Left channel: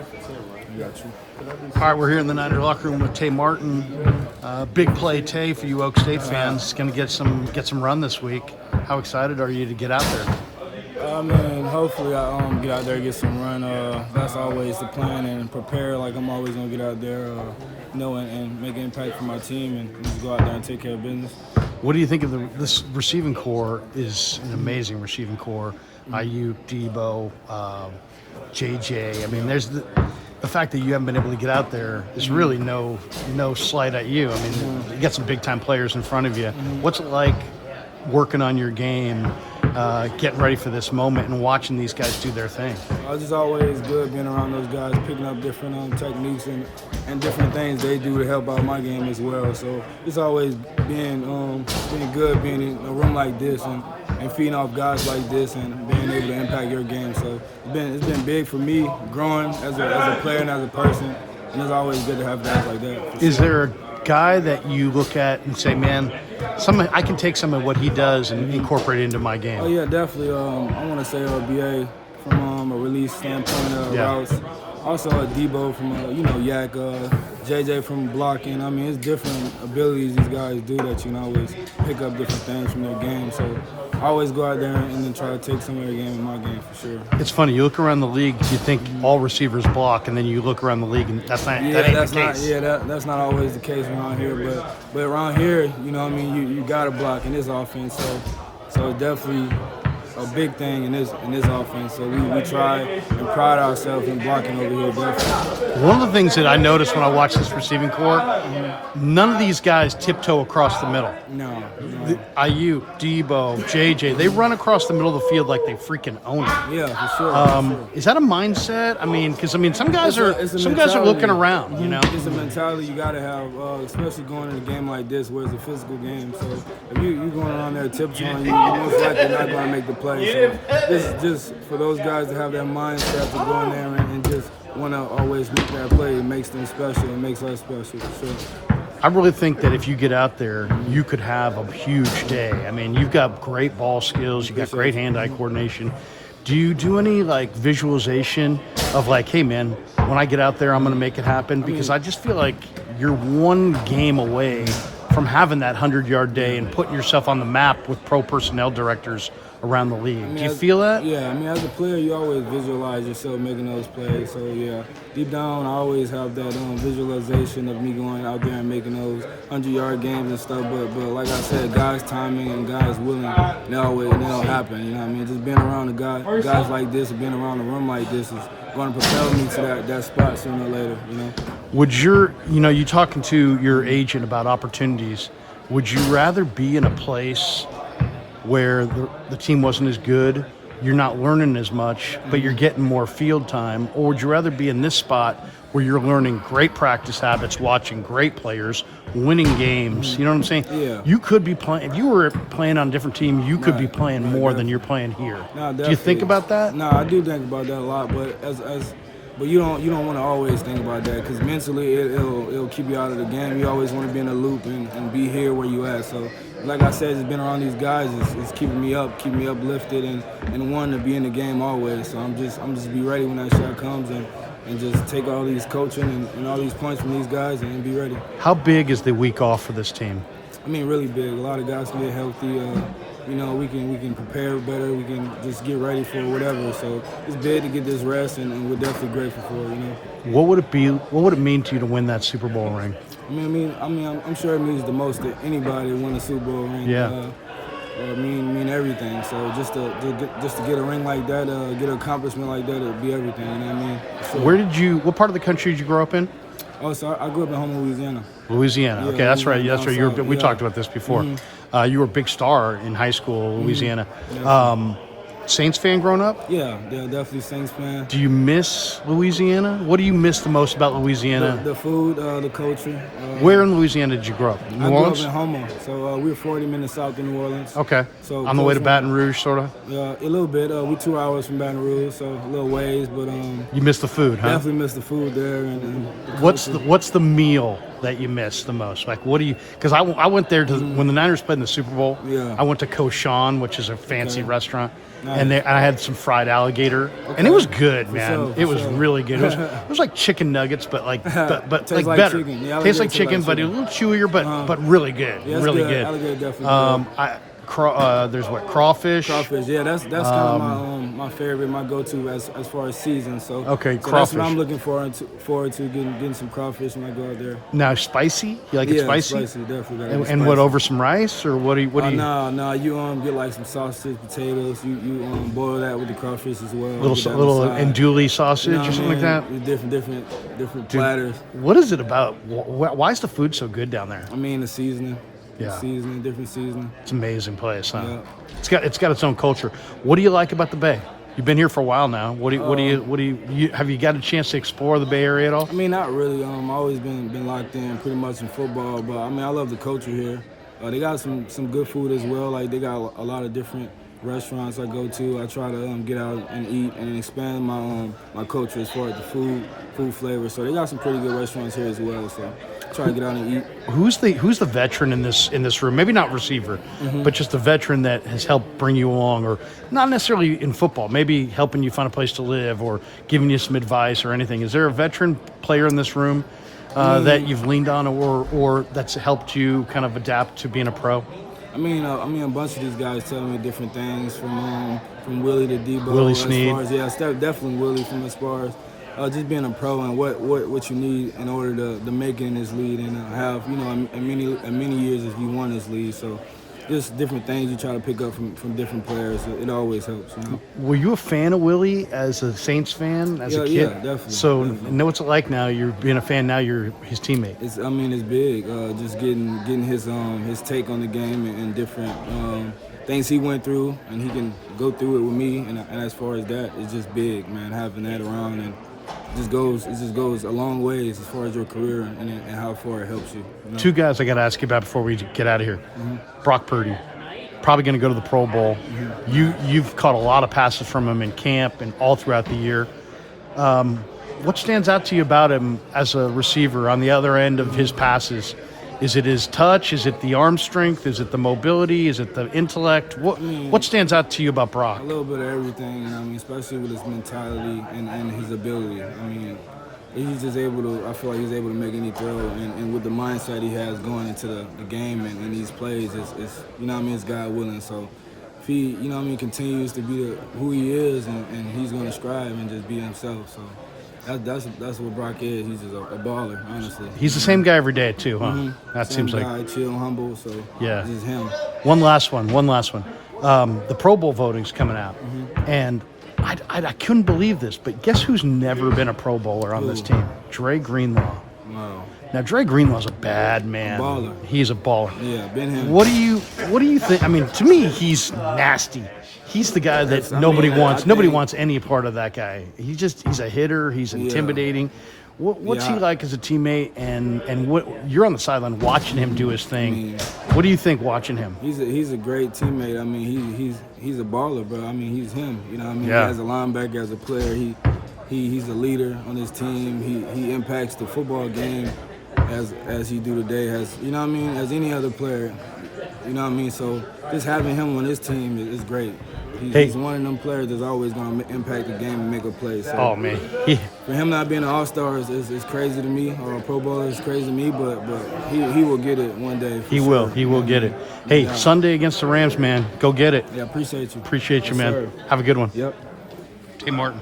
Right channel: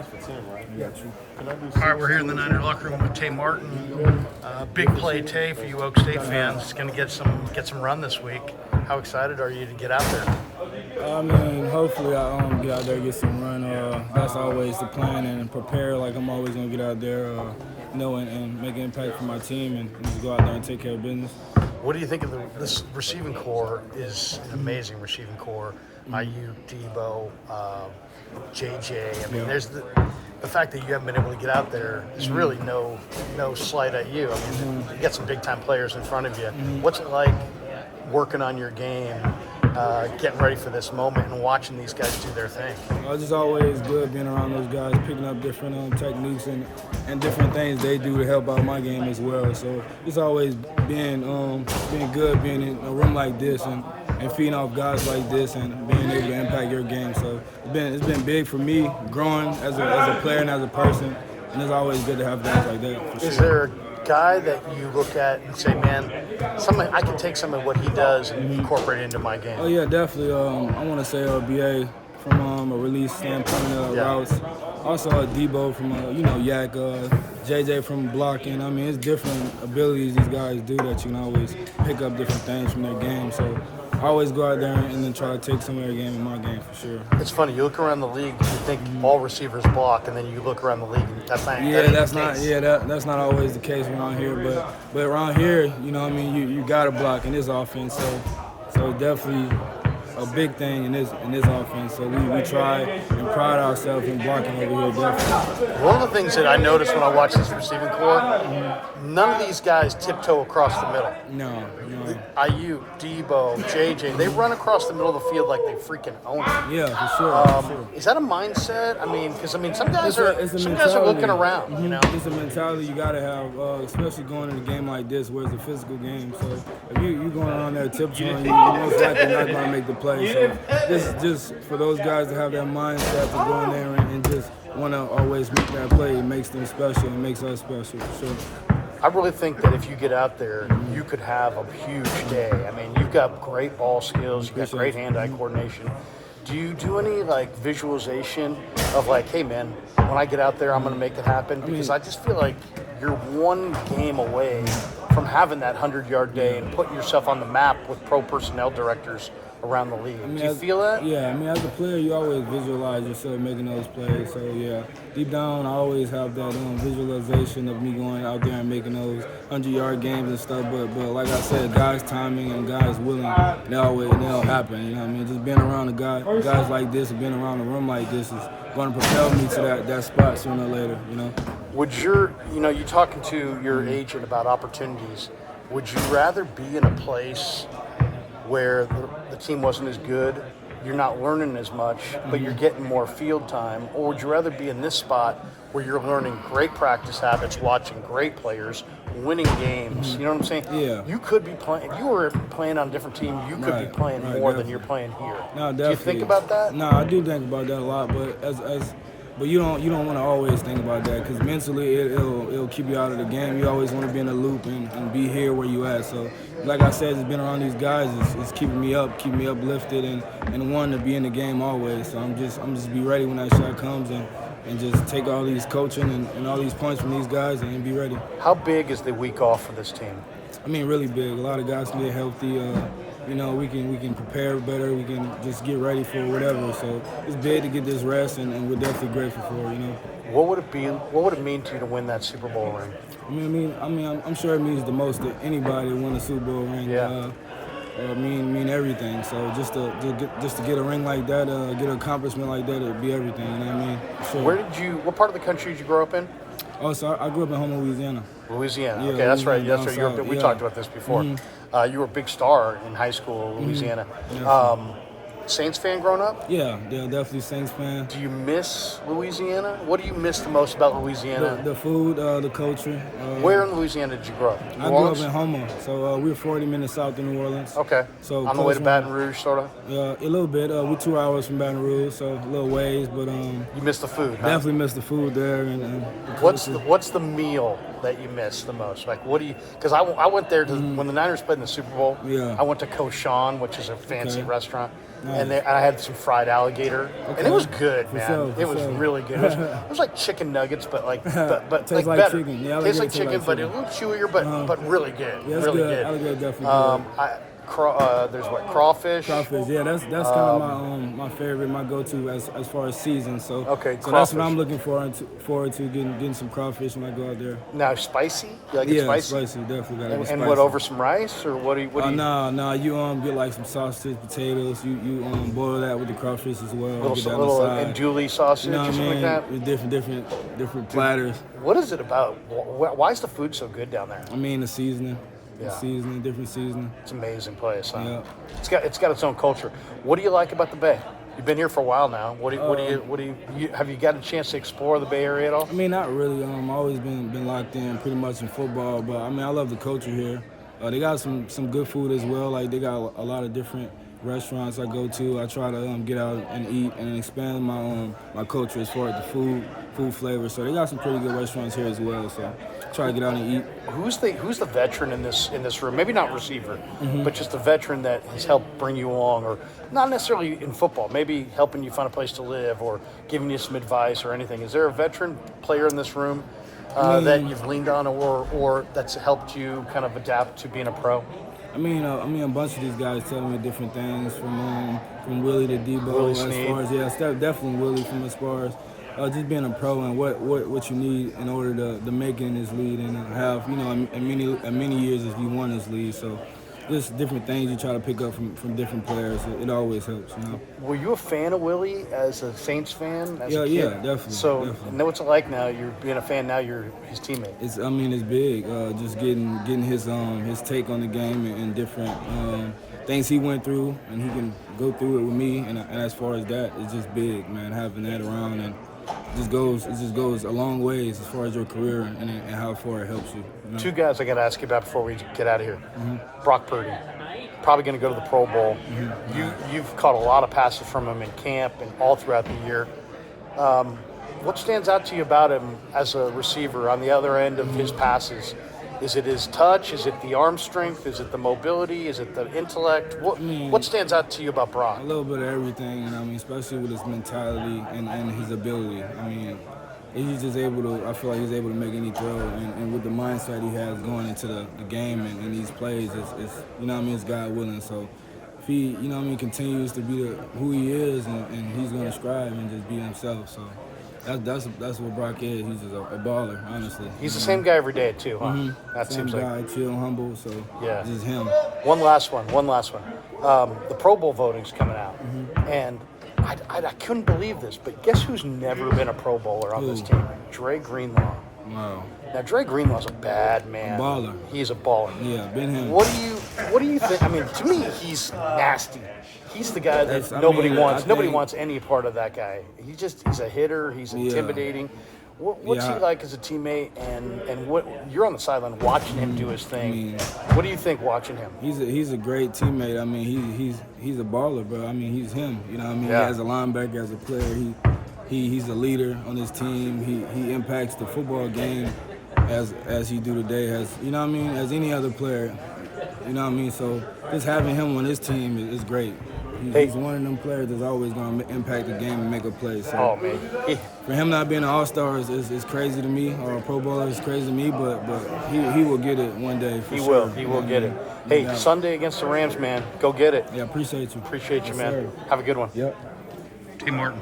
You got you. All right, we're here in the Niner locker room with Tay Martin. Big play, Tay, for you Oak State fans. Going to get some run this week. How excited are you to get out there? I mean, hopefully I get out there and get some run. That's always the plan, and prepare like I'm always going to get out there, and make an impact for my team and just go out there and take care of business. What do you think of this receiving core? Is an amazing receiving core. Ayuk, Debo, JJ. I mean, there's the fact that you haven't been able to get out there is really no slight at you. I mean, you get some big time players in front of you. What's it like working on your game, getting ready for this moment, and watching these guys do their thing? It's just always good being around those guys, picking up different techniques and different things they do to help out my game as well. So it's always being good being in a room like this and feeding off guys like this and being able to impact your game. So it's been big for me growing as a player and as a person, and it's always good to have guys like that. Is there a guy that you look at and say, man, I can take some of what he does and incorporate it into my game? Oh yeah, definitely. I want to say BA from a release standpoint, routes. Also Debo from Yak, JJ from blocking. I mean, it's different abilities these guys do that you can always pick up different things from their game. So I always go out there and then try to take some of their game in my game for sure. It's funny, you look around the league, you think all receivers block, and then you look around the league and that's not that's not always the case around here, but around here, you gotta block in this offense. So definitely a big thing in this offense. So we try and pride ourselves in blocking over here, definitely. One of the things that I noticed when I watched this receiving core, none of these guys tiptoe across the middle. No. Ayuk, Debo, JJ, they run across the middle of the field like they freaking own it. Yeah, for sure. Is that a mindset? I mean, because some guys are mentality. looking around. Mm-hmm. It's a mentality you got to have, especially going in a game like this where it's a physical game. So if you're going around there tiptoeing, you're most likely not going to make the play. So this is just for those guys to have that mindset to go in there and just want to always make that play. It makes them special. It makes us special, for sure. I really think that if you get out there, you could have a huge day. I mean, you've got great ball skills, you've got great hand-eye coordination. Do you do any visualization of hey man, when I get out there, I'm going to make it happen? Because I just feel like you're one game away from having that 100-yard day and putting yourself on the map with pro personnel directors around the league. Do you feel that? Yeah, as a player, you always visualize yourself making those plays. So, yeah, deep down, I always have that visualization of me going out there and making those 100-yard games and stuff. But like I said, guys' timing and guys' willing, they'll happen. You know what I mean? Just being around the guys like this and being around a room like this is going to propel me to that spot sooner or later, Would you talking to your agent about opportunities, would you rather be in a place where the team wasn't as good, you're not learning as much, but you're getting more field time? Or would you rather be in this spot where you're learning great practice habits, watching great players, winning games? You know what I'm saying? Yeah. You could be playing, if you were playing on a different team, you could be playing more than you're playing here. No, do you think about that? No, I do think about that a lot, but but you don't want to always think about that, because mentally it'll keep you out of the game. You always want to be in the loop and be here where you at. So, like I said, just being around these guys is keeping me uplifted and wanting to be in the game always. So I'm just be ready when that shot comes and just take all these coaching and all these points from these guys and be ready. How big is the week off for this team? I mean, really big. A lot of guys can get healthy. We can prepare better. We can just get ready for whatever. So it's big to get this rest, and we're definitely grateful for it. What would it be? What would it mean to you to win that Super Bowl ring? I'm sure it means the most to anybody to win a Super Bowl ring. Yeah. Mean everything. So just to get a ring like that, get an accomplishment like that, it'd be everything. You know what I mean? Sure. What part of the country did you grow up in? Oh, so I grew up in Houma, Louisiana. Louisiana. Yeah, okay, that's right. We yeah. talked about this before. Mm-hmm. You were a big star in high school, Louisiana. Mm-hmm. Saints fan growing up? Yeah, definitely Saints fan. Do you miss Louisiana? What do you miss the most about Louisiana? The food, the culture. Where in Louisiana did you grow up? I grew up in Houma, so we're 40 minutes south of New Orleans. Okay. So on the way to Baton Rouge, sort of? A little bit. We're 2 hours from Baton Rouge, so a little ways, but you miss the food, huh? Definitely miss the food there and the culture. What's the meal that you miss the most? What do you? Because I went there when the Niners played in the Super Bowl. Yeah. I went to Koshan, which is a fancy restaurant. Nice. And I had some fried alligator, Okay. and it was good, For man. sure, for it was sure. really good. It was like chicken nuggets, but but Tastes like better. chicken. Yeah, tastes alligator like tastes like chicken, but a chicken. little chewier, but really good. Yeah, it's really good. Alligator definitely good. There's crawfish. Crawfish, yeah, that's kind of my favorite, my go-to as far as season. So Okay, so that's what crawfish. I'm looking forward to getting some crawfish when I go out there. Now spicy. You like Yeah, it spicy? definitely gotta be And spicy. what, over some rice, or what do you? No, you get like some sausage, potatoes. You boil that with the crawfish as well. Get that on the little side. andouille sausage, You know or what I something mean? like that. Different platters. What is it about? Why is the food so good down there? I mean the seasoning, Yeah. different seasoning. It's an amazing place. Huh? Yeah. It's got its own culture. What do you like about the Bay? You've been here for a while now. What do you have you got a chance to explore the Bay Area at all? I mean, not really. I've always been locked in pretty much in football, but I mean, I love the culture here. They got some good food as well. Like they got a lot of different restaurants I go to. I try to get out and eat and expand my culture as far as the food flavor. So they got some pretty good restaurants here as well. So try to get out and eat. Who's the veteran in this room? Maybe not receiver, but just a veteran that has helped bring you along, or not necessarily in football, maybe helping you find a place to live or giving you some advice or anything. Is there a veteran player in this room that you've leaned on, or that's helped you kind of adapt to being a pro? I mean, a bunch of these guys telling me different things from Willie to Debo. Willie as Snead. far as definitely Willie from as far as just being a pro and what you need in order to make it in this league and have in many years if you won this league. So just different things you try to pick up from different players. It always helps, you know. Were you a fan of Willie as a Saints fan? As Yeah, a kid? yeah, definitely. So definitely. know what it's like now. You're being a fan now. You're his teammate. It's big. Just getting his take on the game and different things he went through, and he can go through it with me. And as far as that, it's just big, man. Having that around and it just goes a long ways as far as your career and how far it helps you. You know? Two guys I got to ask you about before we get out of here. Brock Purdy, probably going to go to the Pro Bowl. You've caught a lot of passes from him in camp and all throughout the year. What stands out to you about him as a receiver on the other end of his passes? Is it his touch? Is it the arm strength? Is it the mobility? Is it the intellect? What stands out to you about Brock? A little bit of everything, and I mean, especially with his mentality and his ability. I mean, he's just able to. I feel like he's able to make any throw, and with the mindset he has going into the game and these plays, it's it's God willing. So if he continues to be who he is, and he's going to strive and just be himself. So. That's what Brock is. He's just a baller, honestly. He's the same guy every day too. Huh? That Same seems guy, like. chill, humble. So Yeah. it's just him. One last one. The Pro Bowl voting's coming out, and I couldn't believe this, but guess who's never been a Pro Bowler on this Who? team? Dre Greenlaw. Wow. Now Dre Greenlaw's a bad man. A baller. He's a baller. Yeah, been him. What do you think? I mean, to me, he's nasty. He's the guy that nobody wants. Nobody wants any part of that guy. He's a hitter. He's intimidating. What's he like as a teammate? And what you're on the sideline watching him do his thing. What do you think watching him? He's a great teammate. I mean, he's a baller, bro. I mean, he's him. You know what I mean? Yeah. As a linebacker, as a player, he's a leader on his team. He impacts the football game as he do today, as any other player. You know what I mean? So just having him on his team is great. He's one of them players that's always going to impact the game and make a play. So for him not being an all-star is crazy to me, or a Pro Bowler is crazy to me, but he will get it one day for sure. He will get it. Hey, Sunday against the Rams, man. Go get it. Yeah, appreciate you. Appreciate you, Yes, man. sir. Have a good one. Yep. Hey, Martin.